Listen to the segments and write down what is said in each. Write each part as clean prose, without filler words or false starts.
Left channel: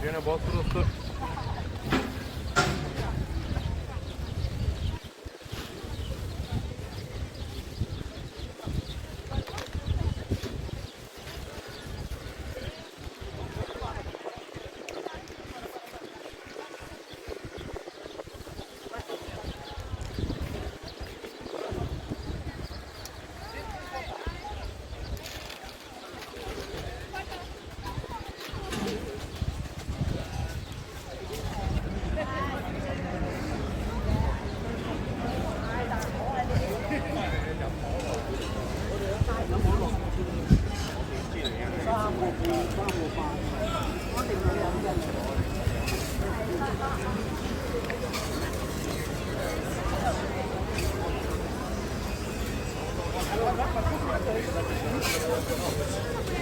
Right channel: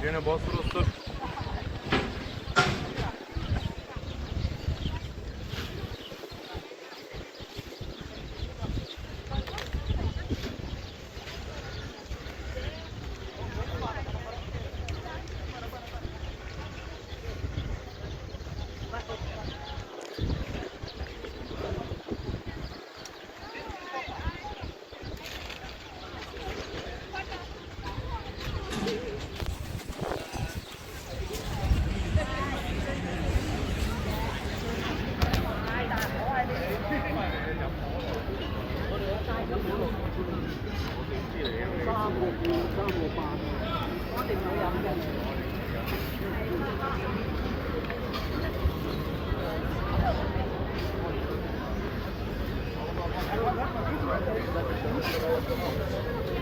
gene Bosphorus'tur.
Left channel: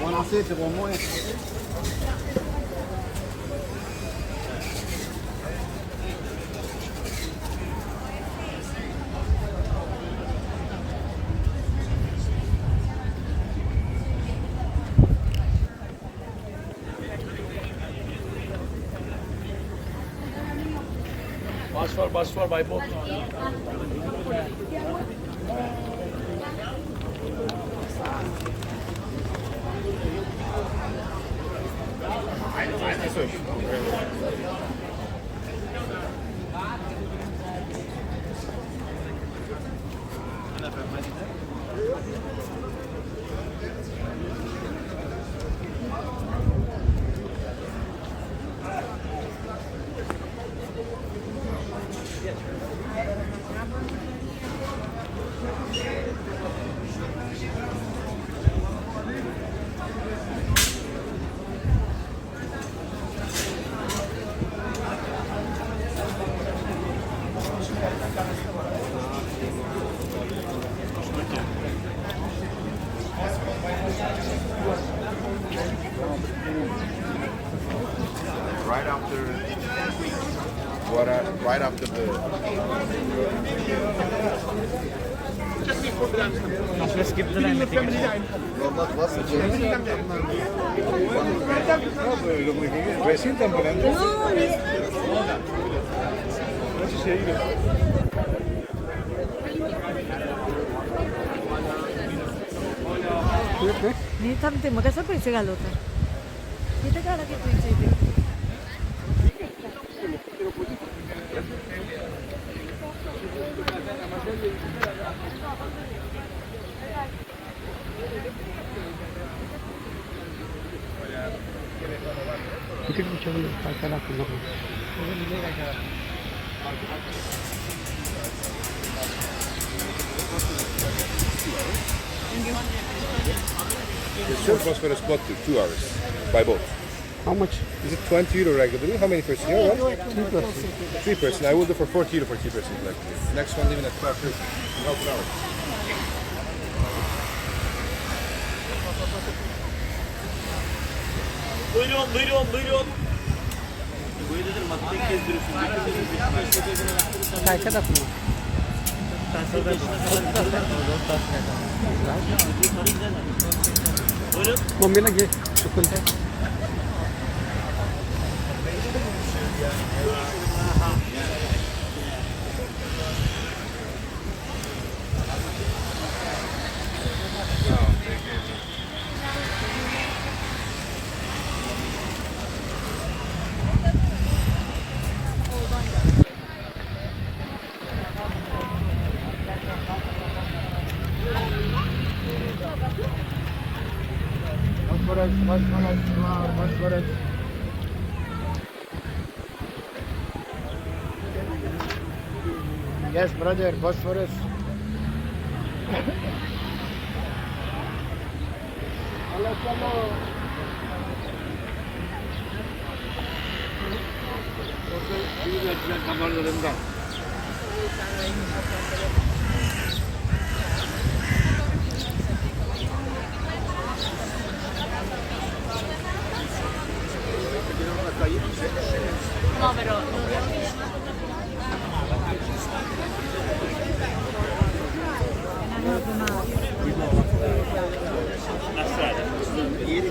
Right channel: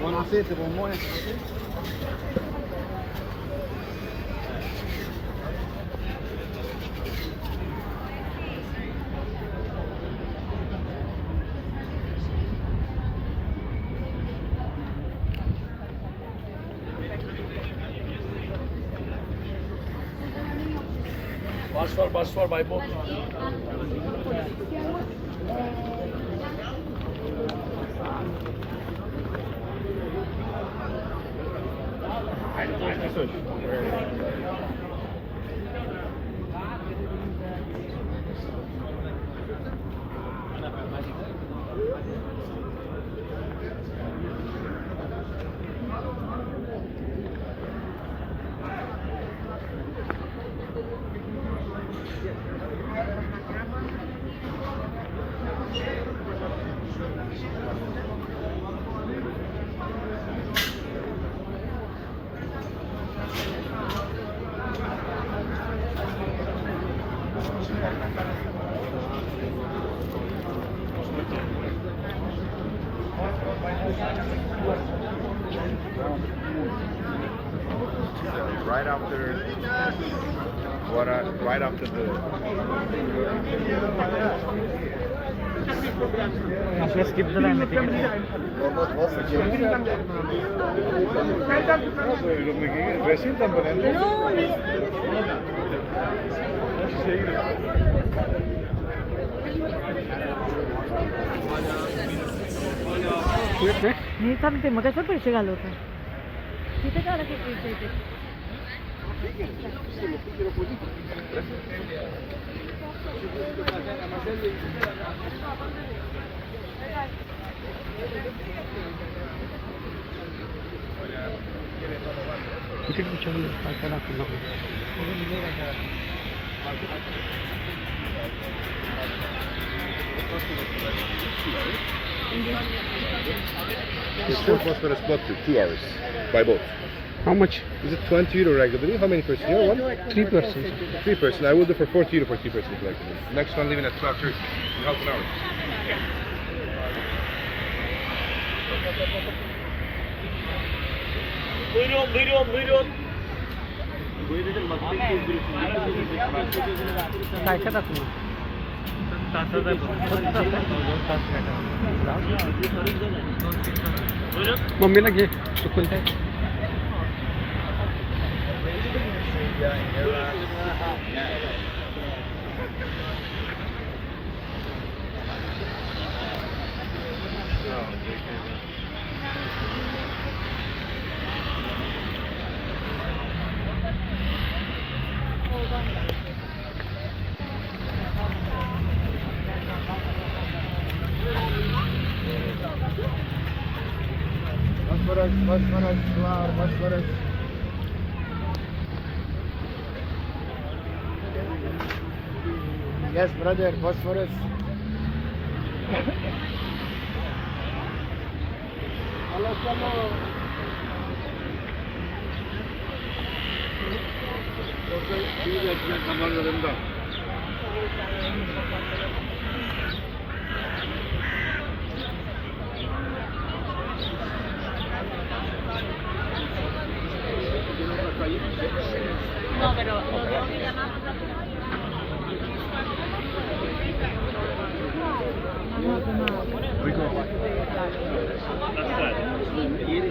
Buonasera, buon buon. Bus for by boat. Right after the After skip the line, resin temporante. मी थांबते मग कसं पैसे घालवता तिथे काय लागेल तुमच्या इथे किती विचारले पैसा लागतो It's short Bosphorus boat to 2 hours by boat. How much? Is it 20 euro regularly? How many persons? You know what? 3 person. 3 person. I will do for 40 euro for 3 person collectively. Next one leaving at 12:30 in half an hour. Buyurun. पैसा टाकून मम्मीला घे चुकून ते Bosphorus. Yes, brother, Bosphorus. Chalo. No, pero Ieri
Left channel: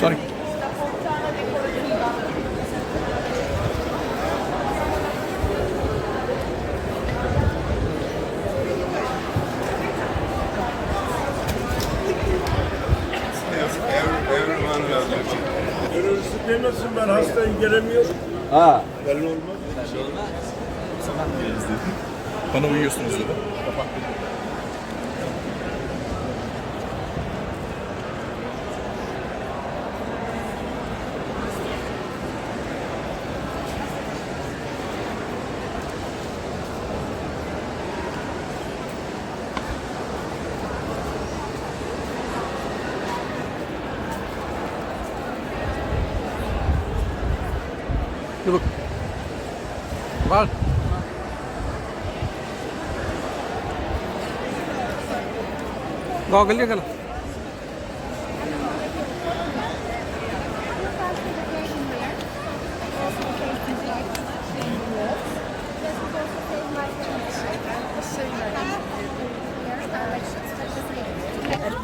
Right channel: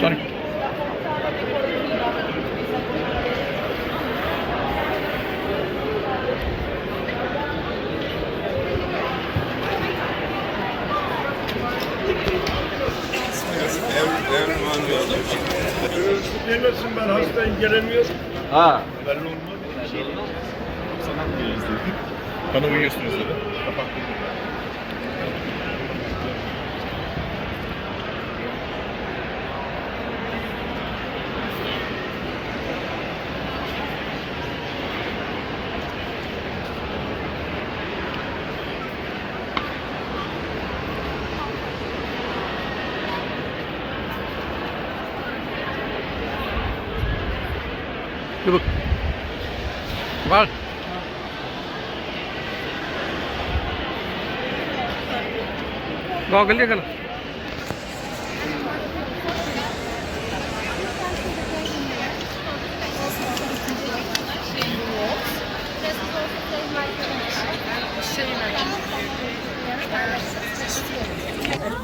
Sorry. Demesin ben hastayım gelemiyorum. Ha. Belli olmaz. Bana uyuyorsunuz dedi. Look. Var. Goggle देखा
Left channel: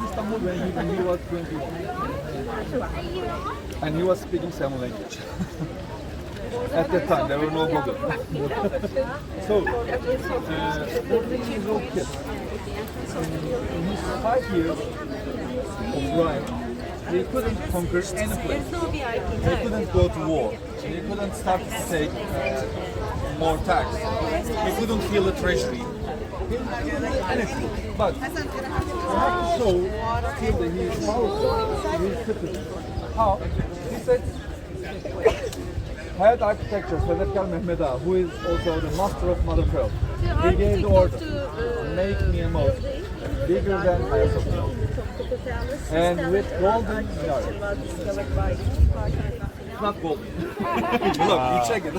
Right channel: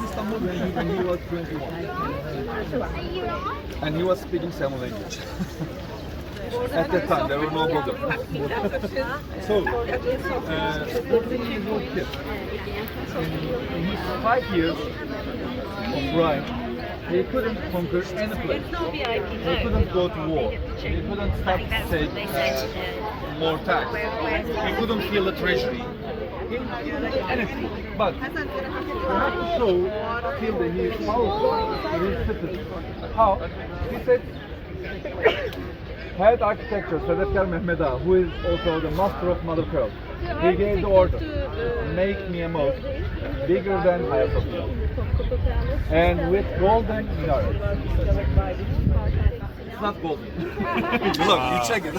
Istanbul when he was 21. And he was speaking Samoan language. At that time, there were no modern. So, 14 years old kid, in his 5 years of ride, he couldn't conquer any place. He couldn't go to war. He couldn't start to take more tax. He couldn't fill the treasury. He couldn't do anything. But you have to show still that he is powerful to his citizens. How? He said, head architecture, Sadetgar Mehmet Ağa, who is also the master of Mother Pearl. He gave the order, make me a mosque bigger than Hagia Sophia. And with golden minaret. It's not golden. Look, you check it.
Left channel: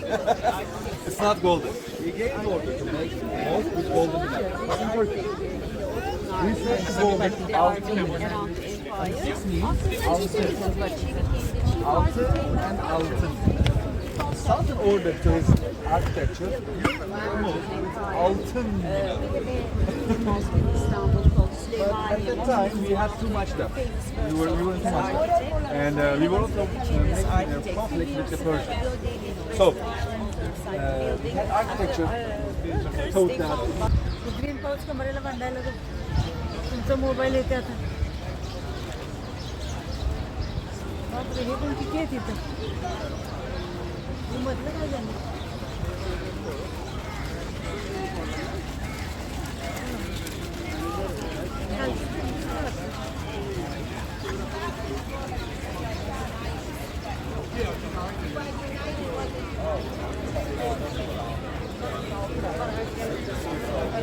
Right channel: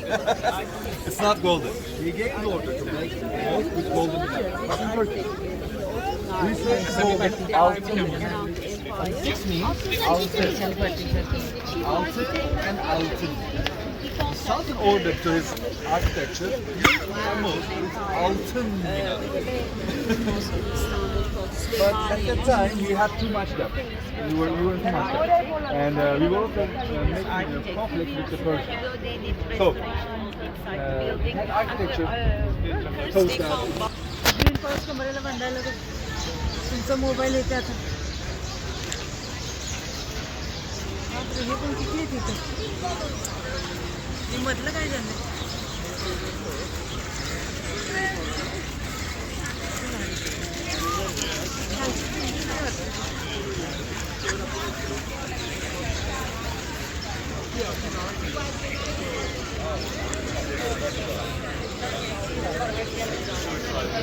It's not golden. He gave the order to make a mosque with golden minaret. It's in Turkey. This means altın. This means altın and altın. Sultan ordered to his architecture, mosque with altın minaret. But at that time we had too much debt. We were in too much debt. And we were also making a conflict with the Persians. So, that architecture thought that green forest कमरेला बांधायला बघ. तुमचा मोबाईल होता आता. हे पण किती आहे तिथं? मधलं काय झालं?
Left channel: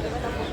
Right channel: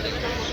Thank you.